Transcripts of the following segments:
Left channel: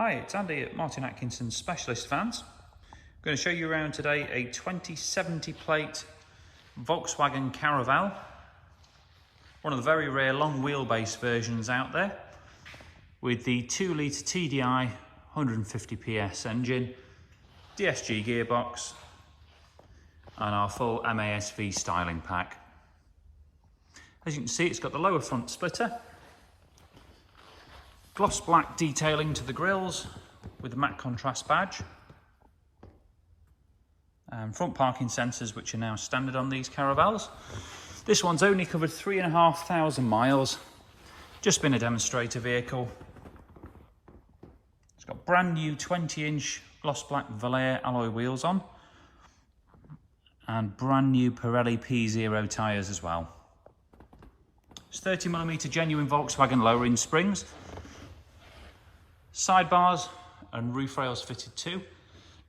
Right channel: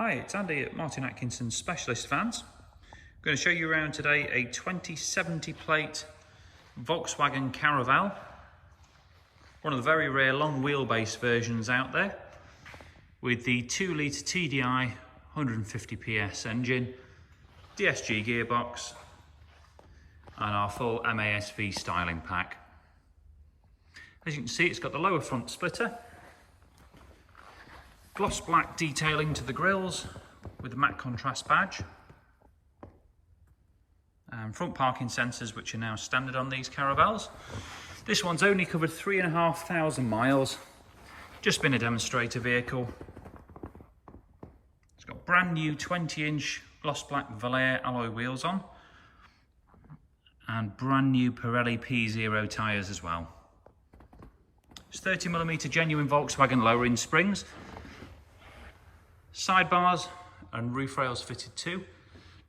Hi, it's Andy at Atkinson Specialist Vans. I'm going to show you around today a 2070 plate Volkswagen Caravelle. One of the very rare long wheelbase versions out there with the 2 litre TDI 150 PS engine, DSG gearbox and our full MASV styling pack. As you can see, it's got the lower front splitter, gloss black detailing to the grills with the matte contrast badge, and front parking sensors which are now standard on these Caravelles. This one's only covered 3,500 miles, just been a demonstrator vehicle. It's got brand new 20-inch gloss black Vallejo alloy wheels on and brand new Pirelli P0 tyres as well. It's 30mm genuine Volkswagen lowering springs, sidebars and roof rails fitted too.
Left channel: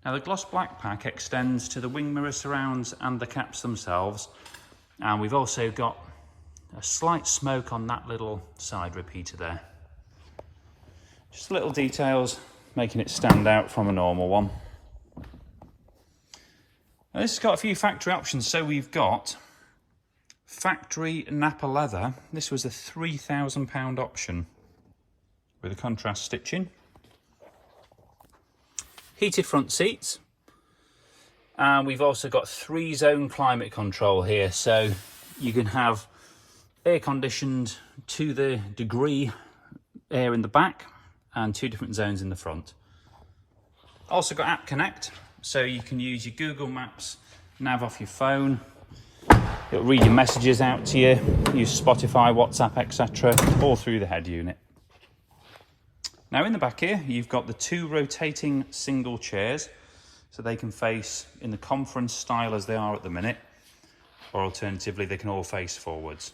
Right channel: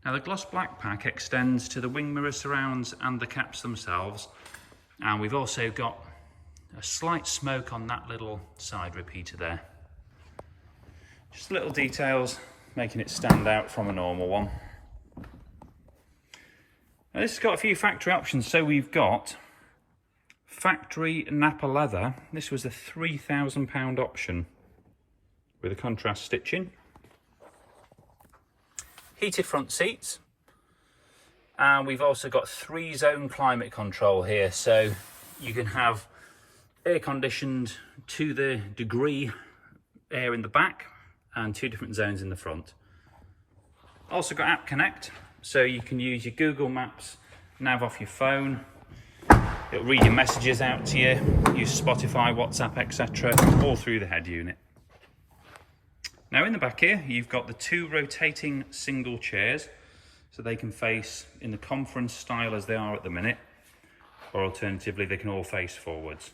Now the gloss black pack extends to the wing mirror surrounds and the caps themselves, and we've also got a slight smoke on that little side repeater there. Just little details making it stand out from a normal one. Now this has got a few factory options. So we've got Factory Nappa leather. This was a £3,000 option with a contrast stitching. Heated front seats, and we've also got 3-zone climate control here, so you can have air conditioned to the degree air in the back and 2 different zones in the front. Also got App Connect, so you can use your Google Maps nav off your phone. It'll read your messages out to you, use Spotify, WhatsApp, etc., all through the head unit. Now in the back here, you've got the 2 rotating single chairs, so they can face in the conference style as they are at the minute, or alternatively they can all face forwards.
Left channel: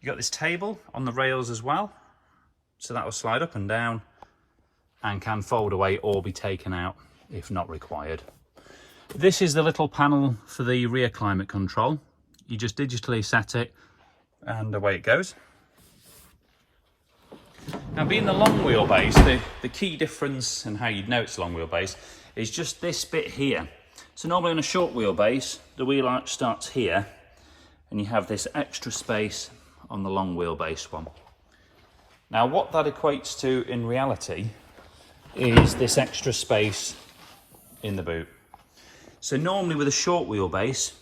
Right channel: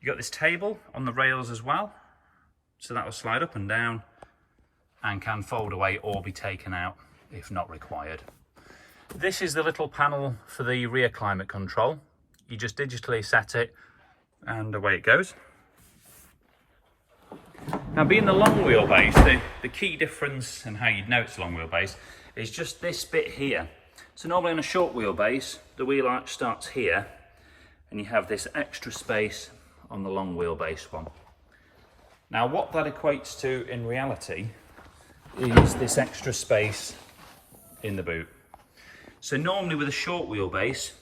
You've got this table on the rails as well, so that will slide up and down and can fold away or be taken out if not required. This is the little panel for the rear climate control. You just digitally set it and away it goes. Now, being the long wheelbase, the key difference and how you'd know it's long wheelbase is just this bit here. So normally on a short wheelbase, the wheel arch starts here and you have this extra space on the long wheelbase one. Now what that equates to in reality is this extra space in the boot. So normally with a short wheelbase,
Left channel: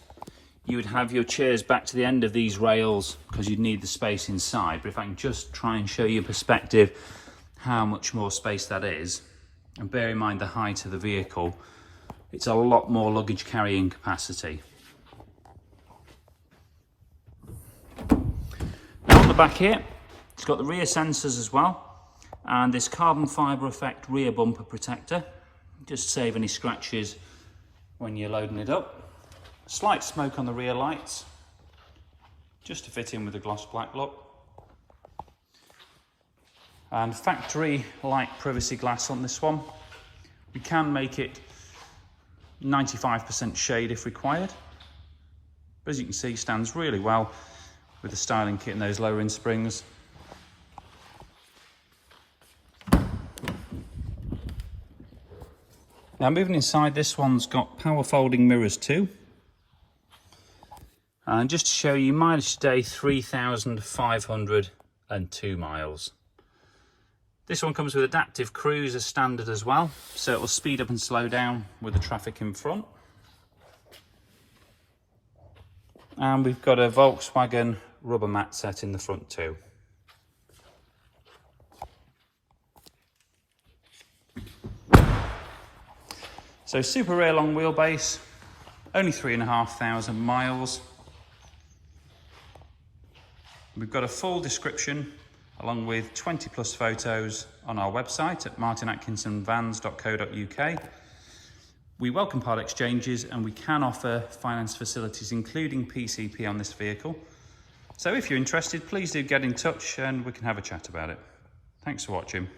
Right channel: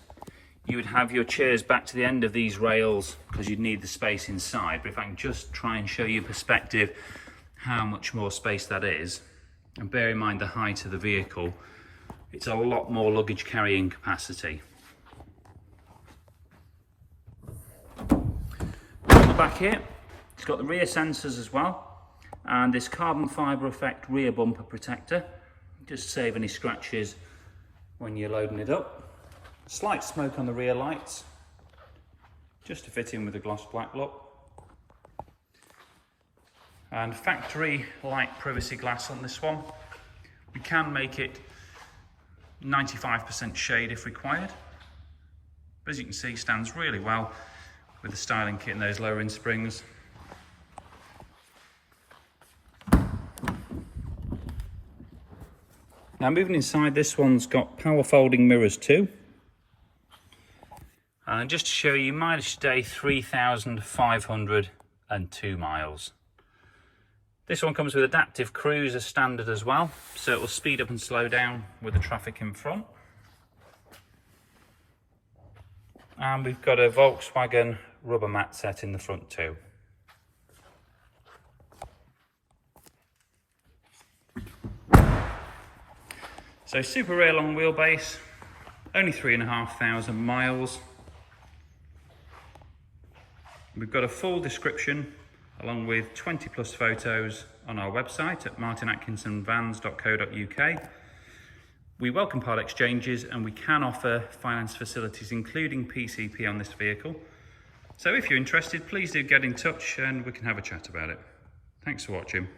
you would have your chairs back to the end of these rails because you'd need the space inside. But if I can just try and show you perspective how much more space that is, and bear in mind the height of the vehicle, it's a lot more luggage carrying capacity. On the back here, it's got the rear sensors as well, and this carbon fibre effect rear bumper protector, just to save any scratches when you're loading it up. Slight smoke on the rear lights, just to fit in with the gloss black look. And factory light privacy glass on this one. We can make it 95% shade if required. But as you can see, stands really well with the styling kit and those lowering springs. Now moving inside, this one's got power folding mirrors too. And just to show you, mileage today 3,502 miles. This one comes with adaptive cruise as standard as well, so it will speed up and slow down with the traffic in front. And we've got a Volkswagen rubber mat set in the front too. So super rare long wheelbase, only 3,500 miles. We've got a full description along with 20 plus photos on our website at martinatkinsonvans.co.uk. We welcome part exchanges and we can offer finance facilities including PCP on this vehicle. So if you're interested, please do get in touch and we can have a chat about it. Thanks for watching.